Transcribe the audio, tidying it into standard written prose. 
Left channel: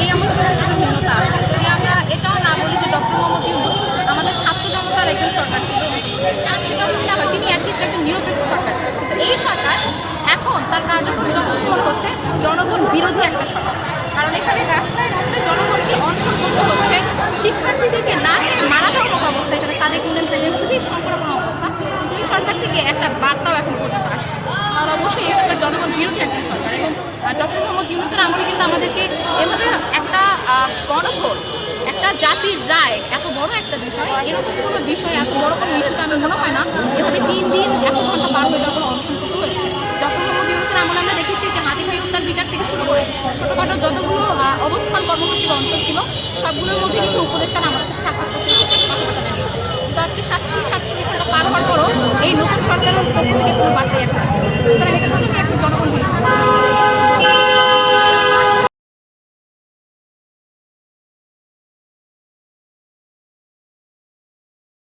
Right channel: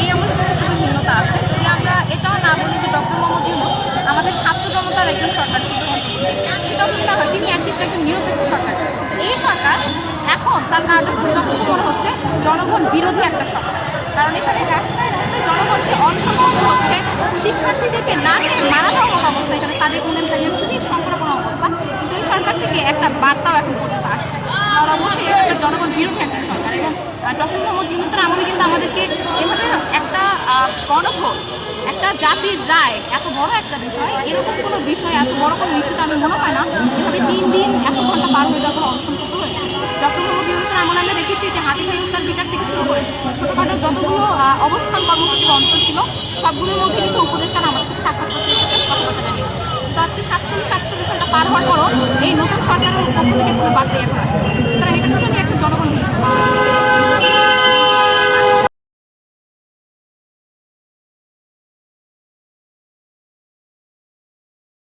এই আমাদের কিন্তু খুবই নিম্নতা আছে। যদি আমরা এটাও না বলি যে ডক্টর মোহাম্মদ ইউনূস আমাদের ছাত্র জনতার একজন সরকার ছিল, সেটাও যদি না হয় তিনি অ্যাটলিস্ট একজন নিরপেক্ষ সরকার ছিল। এই সরকার এখন তার কার্যক্রম যতটুকু মনে হচ্ছে জনগণ বিরোধী একটা সরকার। কারণ এখানে রাস্তায় রাস্তায় জনগণকে অনশন করতে হচ্ছে, শিক্ষার্থীদেরকে না খেয়ে মারা যাওয়ার মতো অবস্থা, এখানে সাদেক মুনেম ভাইয়ের খুবই সংকটপূর্ণ অবস্থা। কিন্তু এই সরকার থেকে একটা বার্তাও এখন পর্যন্ত আসছে। আর অবশ্যই এই সরকার জনগণ বিরোধী একজন সরকার এবং ডক্টর মোহাম্মদ ইউনূসের আমলে কিন্তু আমাদেরকে এভাবে একটা গণভোট, একটা জাতির রায়, এত বড় একটা বিষয়, এরকম কোনো বিষয়, এত বড় কোনো ইস্যুতে আমি মনে হয় না এভাবে 3 দিন এত ঘন্টা পার হয়ে যাওয়ার পর অনশন করতে হয়েছে। ডক্টর মোহাম্মদ ইউনূসের আমলে আমরা দেখেছি যে হাদি ভাই হত্যার বিচার থেকে শুরু করে ছোটখাটো যতগুলো অবস্থান কর্মসূচি বা অনশন ছিল সবগুলোর মধ্যে কিন্তু উপদেষ্টারা আমাদের সাথে সাক্ষাৎ করতে এসেছেন, কথাবার্তা জানিয়েছে। তো আজকে 47-48 ঘন্টা পার হওয়ার পরও এই নতুন সরকারের পক্ষ থেকে কোনো বার্তাই এখন আসে। সুতরাং এটা কিন্তু একটা জনগণ